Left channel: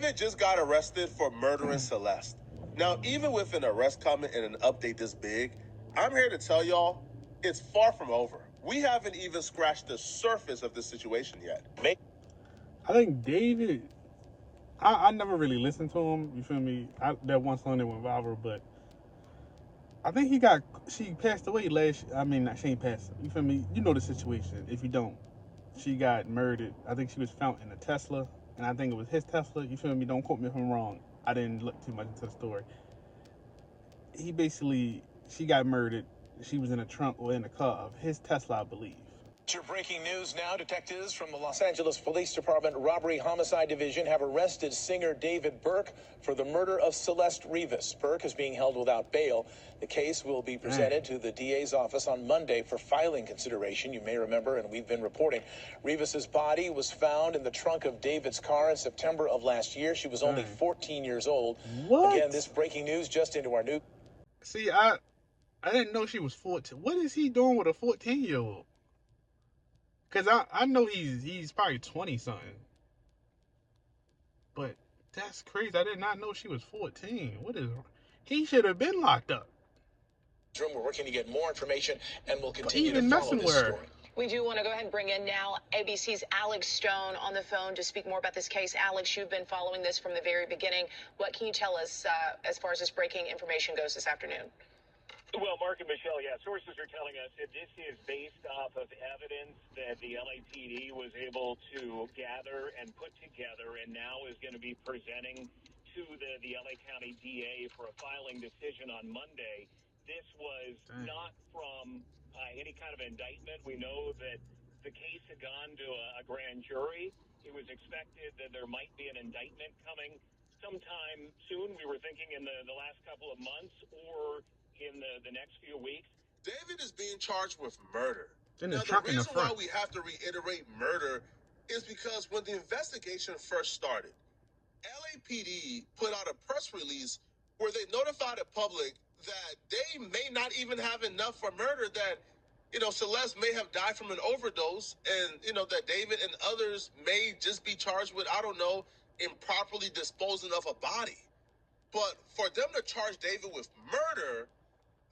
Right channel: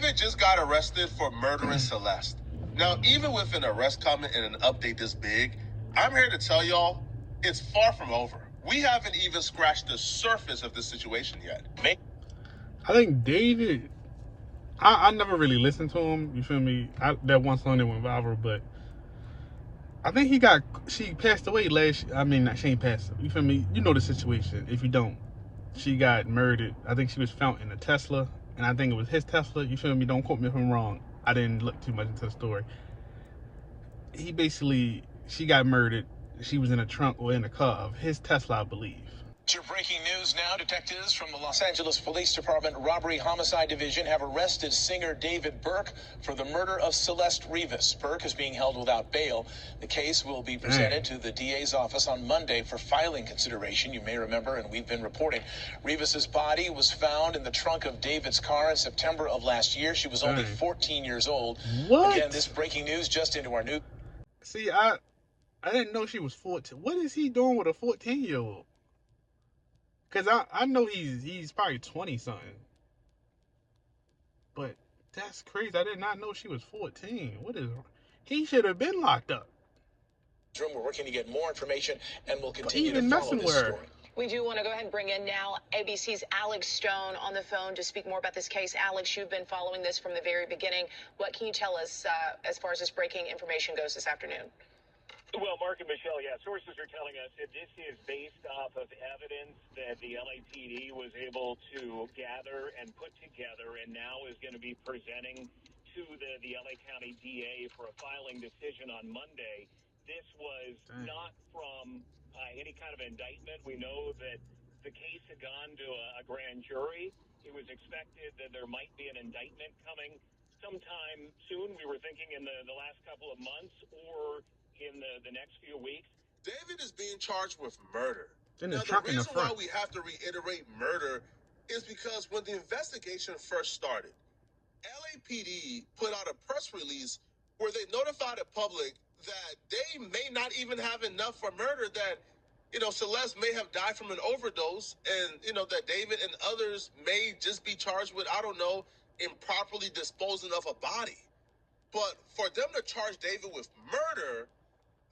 David just got arrested for murdering Celeste. Now, even with an arrest coming and an update this big, I'm here to tell y'all, it's far from over. We haven't even scratched the surface of this situation yet. I think David, I never really listened to him, you feel me? That one song that went viral, but I think she passed away she ain't passed, you feel me? You know the situation, if you don't. She got murdered. I think she was found in a Tesla, and I think it was his Tesla, you feel me? Don't quote me if I'm wrong. I didn't look too much into the story. She got murdered. She was in a trunk or in the car of his Tesla, I believe. To breaking news now, detectives from the Los Angeles Police Department Robbery Homicide Division have arrested singer David Burke for the murder of Celeste Rivas. Burke is being held without bail. The case will be presented to the DA's office on Monday for filing consideration. You may remember, and we've been reporting, Rivas's body was found in the trunk of David's car in September of last year. She was only 14 years old. What? Again, this breaking news just into our news. See, I didn't know she was 14. What is he doing with a 14-year-old? Because I know he's probably 20-something. But that's crazy. I did not know she was 14. He should have been locked up. We're working to get more information, and we'll continue to follow this story. We do want to go ahead and bring in now ABC's Alex Stone on the phone to speak more about this case. Alex, you've been following this from the very beginning. What can you tell us as far as this breaking information goes this afternoon? Well, Mark and Michelle, sources are telling us that this is based off of evidence that the LAPD was able to gather and put together and now is going to be presenting to the LA County DA for a filing decision on Monday. This was not from any kind of indictment. We know that the case had gone to a grand jury. It was expected that there might be an indictment coming sometime soon. We were thinking in the last couple of months or in the next few weeks. David is being charged with murder. Now, the reason why we have to reiterate murder is because when the investigation first started, LAPD put out a press release where they notified the public that they may not even have enough for murder, that, Celeste may have died from an overdose, and, that David and others may just be charged with, I don't know, improperly disposing of a body. But for them to charge David with murder,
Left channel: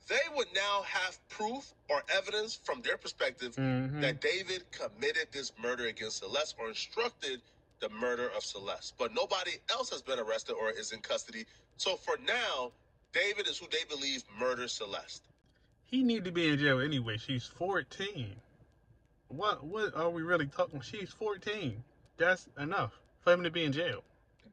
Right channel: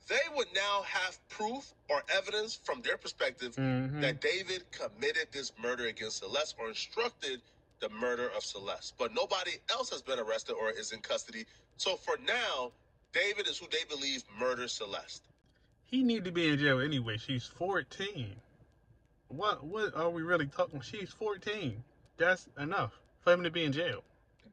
they would now have proof or evidence from their perspective that David committed this murder against Celeste or instructed the murder of Celeste. But nobody else has been arrested or is in custody. So for now, David is who they believe murdered Celeste. He need to be in jail anyway. She's 14. What are we really talking? She's 14. That's enough for him to be in jail.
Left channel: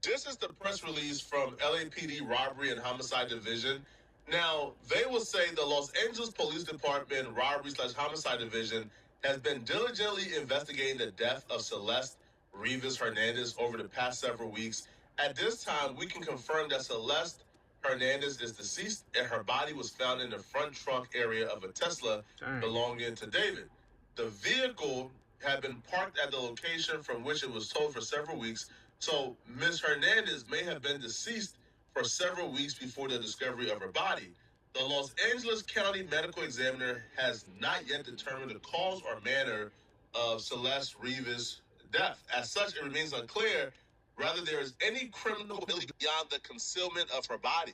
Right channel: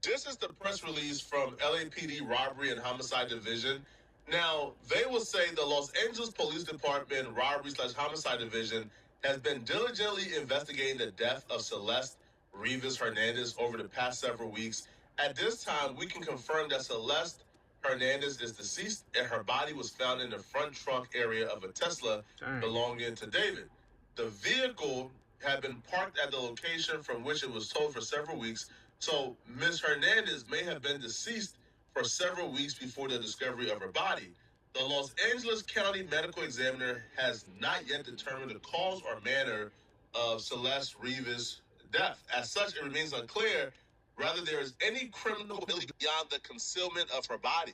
This is the press release from LAPD Robbery and Homicide Division. Now, they will say the Los Angeles Police Department Robbery/Homicide Division has been diligently investigating the death of Celeste Rivas Hernandez over the past several weeks. At this time, we can confirm that Celeste Hernandez is deceased and her body was found in the front trunk area of a Tesla belonging to David. The vehicle had been parked at the location from which it was towed for several weeks, so Ms. Hernandez may have been deceased for several weeks before the discovery of her body. The Los Angeles County Medical Examiner has not yet determined the cause or manner of Celeste Rivas' death. As such, it remains unclear whether there is any criminal ability beyond the concealment of her body.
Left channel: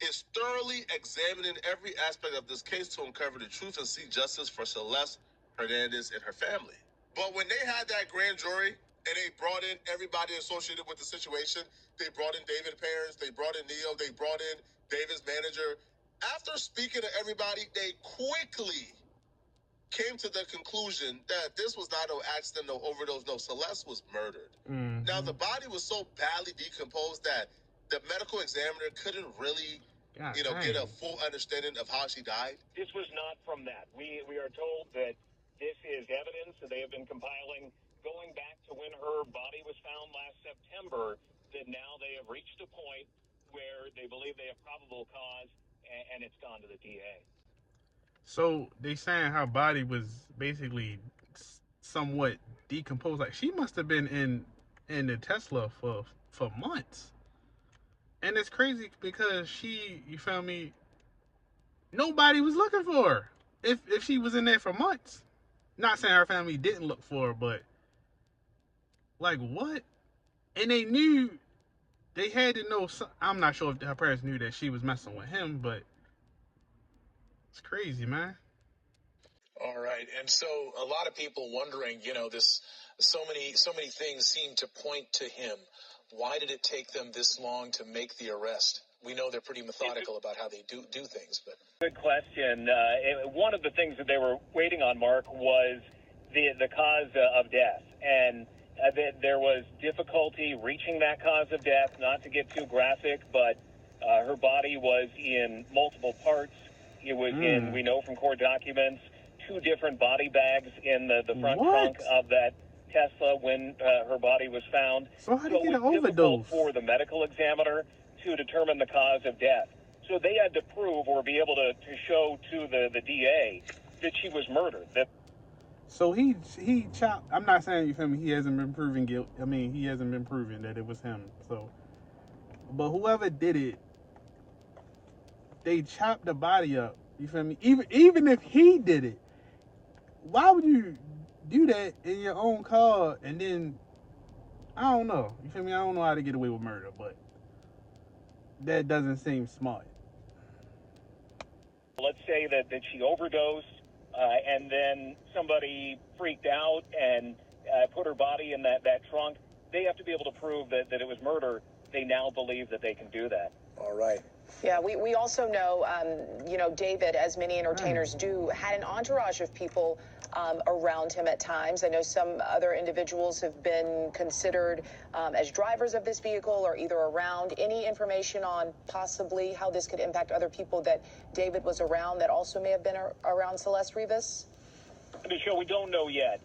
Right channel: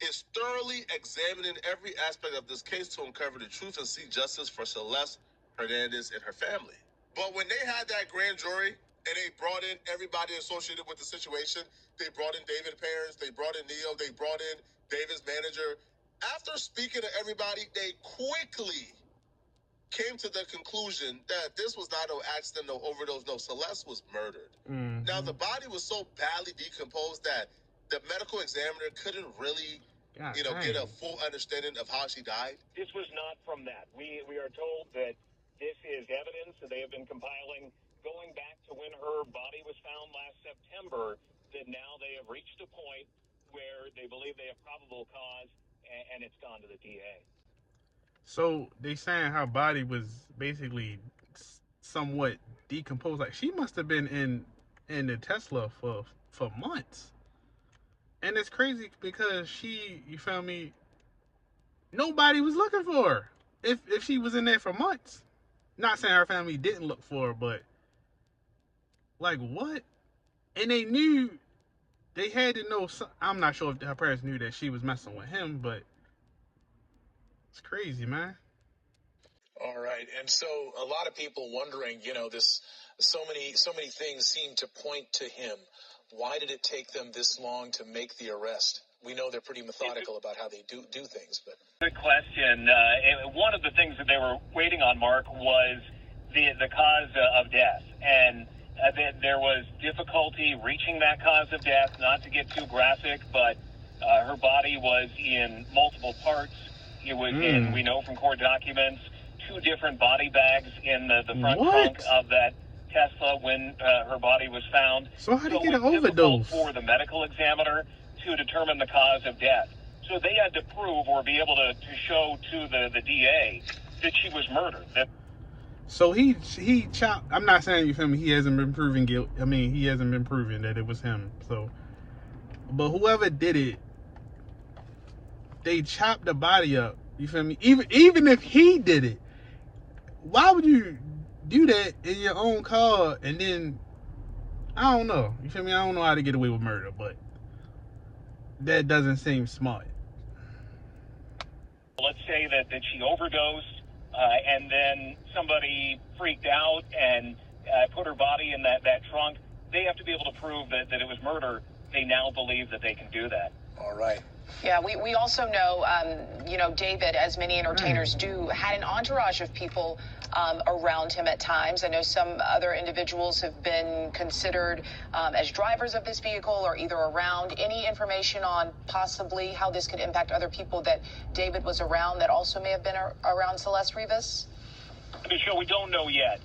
It's thoroughly examining every aspect of this case to uncover the truth and seek justice for Celeste Hernandez and her family. But when they had that grand jury, and they brought in everybody associated with the situation. They brought in David's parents. They brought in Neil. They brought in David's manager. After speaking to everybody, they quickly came to the conclusion that this was not no accident, no overdose, no. Celeste was murdered. Now, the body was so badly decomposed that the medical examiner couldn't really, get a full understanding of how she died. This was not from that. We are told that this is evidence that they have been compiling going back to when her body was found last September, that now they have reached a point where they believe they have probable cause, and it's gone to the DA. So they saying her body was basically somewhat decomposed. Like, she must have been in the Tesla for months. And it's crazy because you feel me, nobody was looking for her if she was in there for months. Not saying her family didn't look for her, but like, what? And they knew they had to know. I'm not sure if her parents knew that she was messing with him, but it's crazy, man. All right. And so a lot of people wondering, so many things seem to point to him. Why did it take them this long to make the arrest? We know they're pretty methodical about how they do things, but. Good question. One of the things that they were waiting on, Mark, was the cause of death. And there was difficulty reaching that cause of death, not to get too graphic, but her body was in multiple parts. It was in, we know from court documents, 2 different body bags in the front trunk of that Tesla when her body was found. So how did he get an it was difficult overdose? for the medical examiner to determine the cause of death. So they had to prove or be able to show to the DA that she was murdered. So he chopped. I'm not saying, you feel me, he hasn't been proven guilt. I mean, he hasn't been proven that it was him. So, but whoever did it, they chopped the body up. You feel me? Even if he did it, why would you do that in your own car? And then I don't know. You feel me? I don't know how to get away with murder, but that doesn't seem smart. Let's say that she overdosed, and then somebody freaked out and put her body in that trunk. They have to be able to prove that it was murder. They now believe that they can do that. All right. Yeah, we also know, David, as many entertainers do, had an entourage of people around him at times. I know some other individuals have been considered as drivers of this vehicle or either around. Any information on possibly how this could impact other people that David was around that also may have been around Celeste Rivas? Michelle, we don't know yet,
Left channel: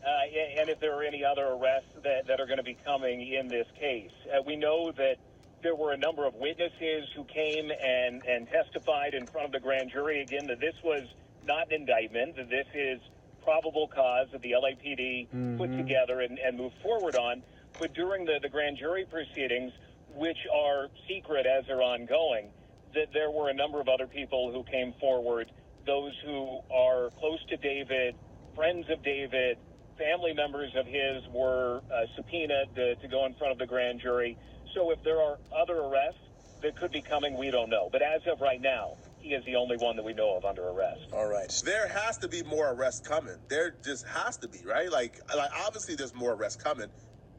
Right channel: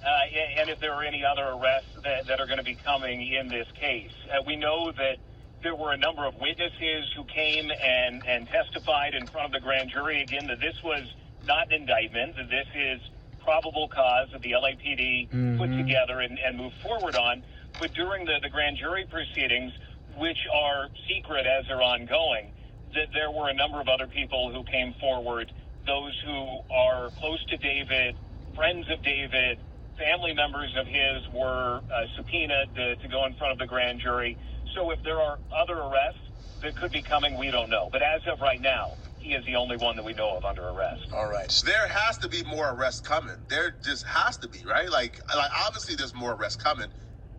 and if there are any other arrests that are going to be coming in this case. We know that there were a number of witnesses who came and testified in front of the grand jury, again, that this was not an indictment, that this is probable cause that the LAPD put together and moved forward on. But during the grand jury proceedings, which are secret as they're ongoing, that there were a number of other people who came forward, those who are close to David, friends of David, family members of his were subpoenaed to go in front of the grand jury. So if there are other arrests that could be coming, we don't know. But as of right now, he is the only one that we know of under arrest. All right. There has to be more arrests coming. There just has to be, right? Like obviously there's more arrests coming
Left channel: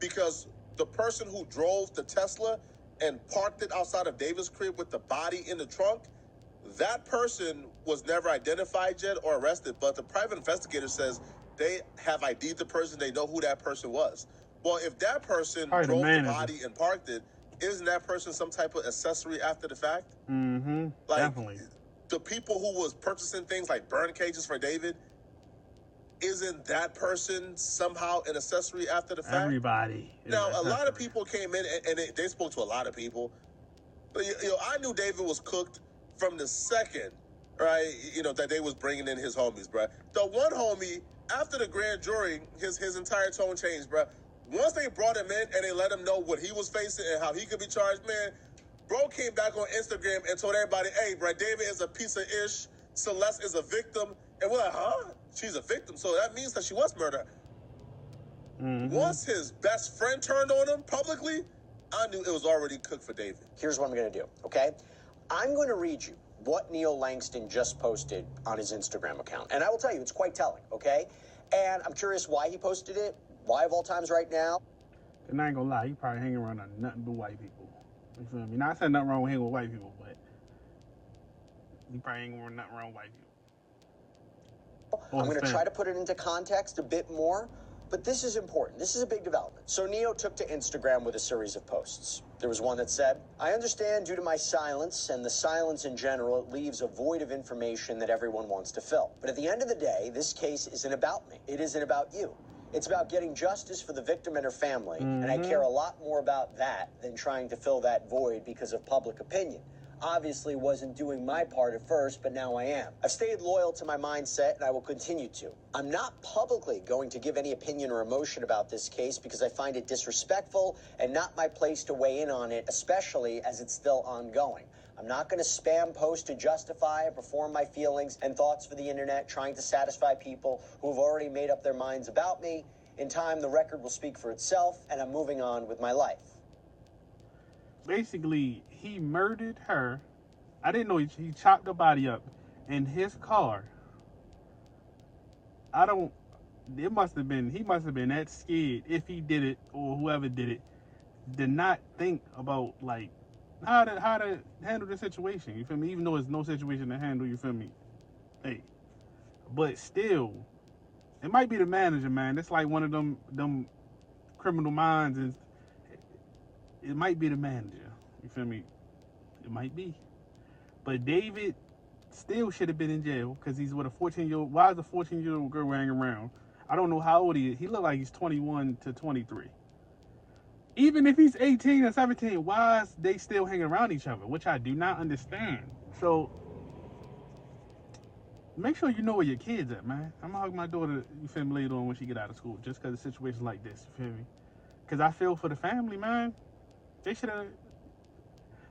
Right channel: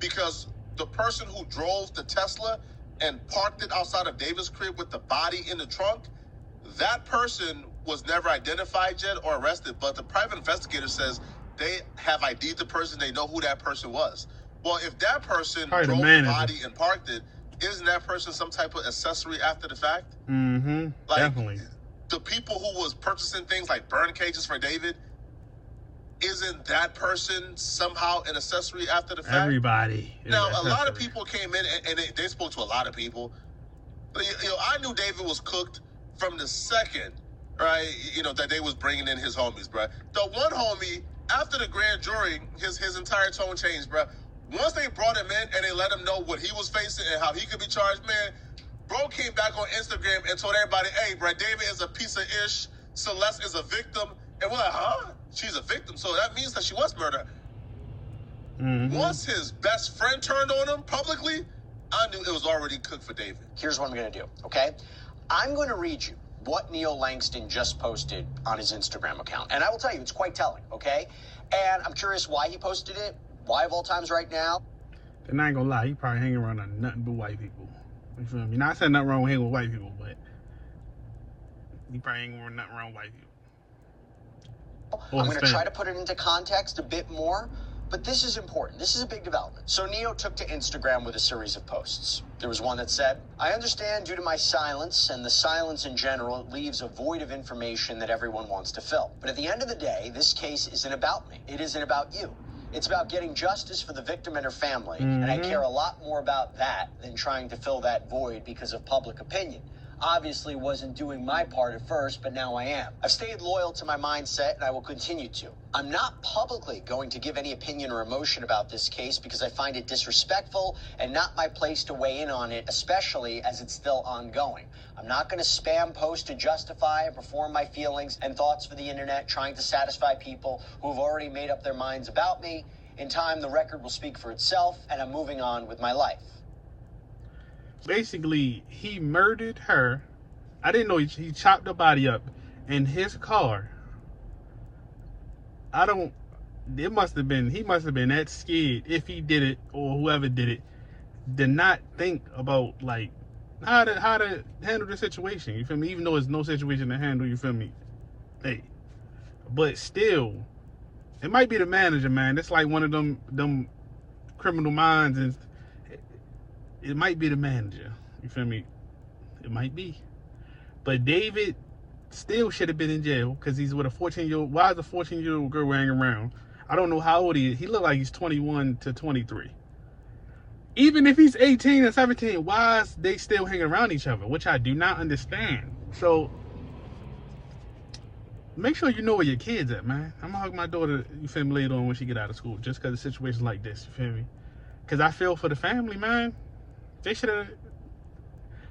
because the person who drove the Tesla and parked it outside of David's crib with the body in the trunk, that person was never identified yet or arrested, but the private investigator says they have ID'd the person, they know who that person was. Well, if that person drove the body and parked it, isn't that person some type of accessory after the fact? Mm-hmm. Like, definitely. The people who was purchasing things like burn cages for David, isn't that person somehow an accessory after the fact? Everybody. Now, a lot of people came in and they spoke to a lot of people. But, I knew David was cooked from the second, right, that they was bringing in his homies, bro. The one homie, after the grand jury, his entire tone changed, bro. Once they brought him in and they let him know what he was facing and how he could be charged, man, bro came back on Instagram and told everybody, hey, bro, David is a piece of ish. Celeste is a victim. And we're like, huh? She's a victim. So that means that she was murdered. Once his best friend turned on him publicly, I knew it was already cooked for David. Here's what I'm going to do, okay? I'm going to read you what Neil Langston just posted on his Instagram account. And I will tell you, it's quite telling, okay? And I'm curious why he posted it. Why of all times right now? And I ain't gonna lie, he probably hanging around nothing but white people. You feel me? Not saying nothing wrong with hanging with white people, but he probably ain't nothing wrong with white people. I'm going to try to put it into context a bit more, but this is important. This is a big development. So Neo took to Instagram with a series of posts. There was one that said, I understand due to my silence and the silence in general, it leaves a void of information that everyone wants to fill. But at the end of the day, this case isn't about me. It isn't about you. It's about getting justice for the victim and her family, and I care a lot more about that than trying to fill that void because of public opinion. Obviously wasn't doing my part at first, but now I am. I've stayed loyal to my mindset, and I will continue to. I'm not publicly going to give any opinion or emotion about this case because I find it disrespectful and not my place to weigh in on it, especially as it's still ongoing. I'm not going to spam post to justify and perform my feelings and thoughts for the internet, trying to satisfy people who have already made up their minds about me. In time, the record will speak for itself, and I'm moving on with my life. basically he murdered her. I didn't know he chopped the body up in his car. I don't. It must have been. He must have been that scared if he did it or whoever did it. Did not think about like how to handle the situation. You feel me? Even though it's no situation to handle. You feel me? Hey, but still, it might be the manager, man. It's like one of them criminal minds, and it might be the manager. You feel me? It might be. But David still should have been in jail because he's with a 14-year-old. Why is a 14-year-old girl hanging around? I don't know how old he is. He looked like he's 21 to 23. Even if he's 18 or 17, why is they still hanging around each other? Which I do not understand. So make sure you know where your kids at, man. I'm gonna hug my daughter, you feel me, later on when she get out of school, just because of situations like this, you feel me? Because I feel for the family, man. They should have.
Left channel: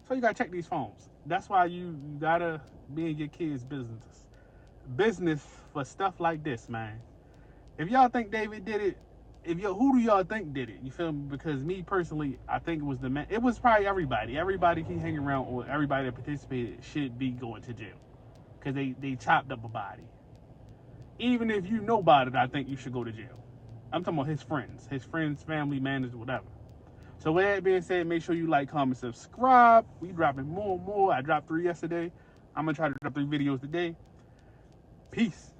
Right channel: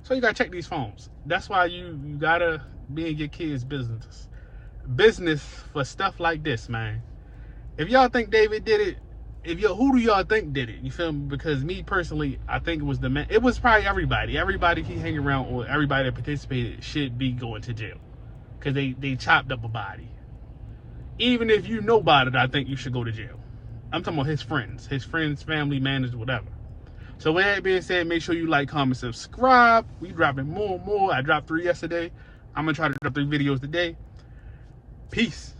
So you gotta check these phones. That's why you gotta be in your kids' business for stuff like this, man. If y'all think David did it, who do y'all think did it? You feel me? Because me personally, I think it was the man. It was probably everybody. Everybody he hang around or everybody that participated should be going to jail. Because they chopped up a body. Even if you know about it, I think you should go to jail. I'm talking about his friends, family, managers, whatever. So with that being said, make sure you like, comment, subscribe. We dropping more and more. I dropped 3 yesterday. I'm going to try to drop 3 videos today. Peace.